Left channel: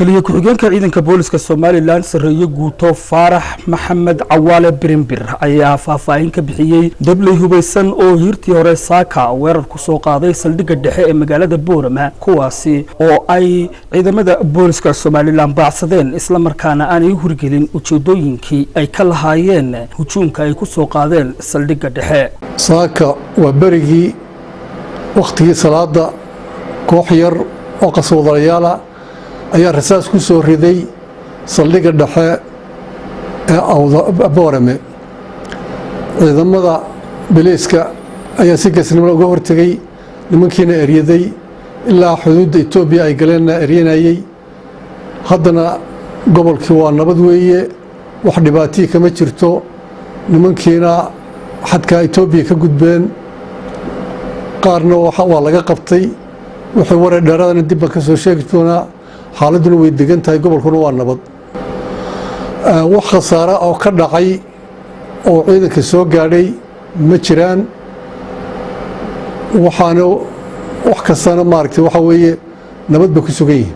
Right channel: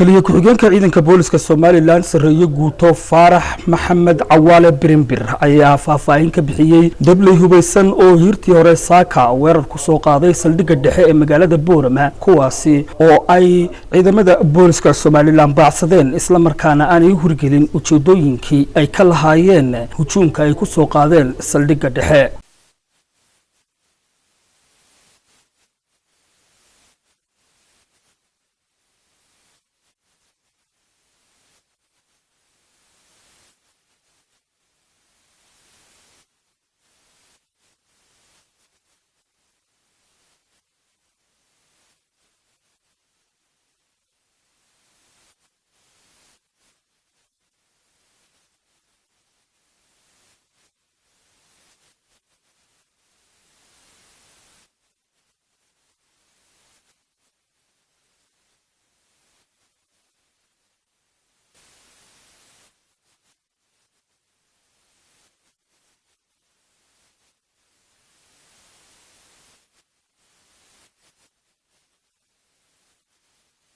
taliye ku-xigeenka ciidanka booliska Soomaaliland sareeyo guuto Faarax Maxamed Cawaale Birinbir ayaa faahfaahin ka bixiyay dablay hubeysan oo hirtii hore saaka weerar ku soo qaaday saldhigga dhexe ee magaalada Boorama kuwaasi oo ay ciidamada booliska Soomaaliland baacsadeen isla markaana aanay hurgelin ujeedooyinkii ay ka lahaayeen hujuumka ay ku soo qaadeen saldhigga dhexe saaka waa barigii waqtigii salaada koox yar oo qaswadayaal ayaa rasaas ku soo riday saldhigga dhexe ee Boorame ciidamada booliska ayaa si geesnimo uga hortagay nimankiina eriyaday ilaa xuduudda Itoobiya ay galeen eriyanayay haddana gobolkii waa nabad weeye wax dhibaato kama jirto nimankiina xadka Itoobiya ka gudbeen qaarna waa laga qabtay wixii wareer dheeraadna dib ka soo sheegi doonaa xaaladuna way degan tahay gobolkuna waa nabad wax khasaare oo ka dhacay oo ciidanka soo gaadhay ma jiraan waxaana wax kastana maaragtay waxa weeye nabad ba ku sugan yihiin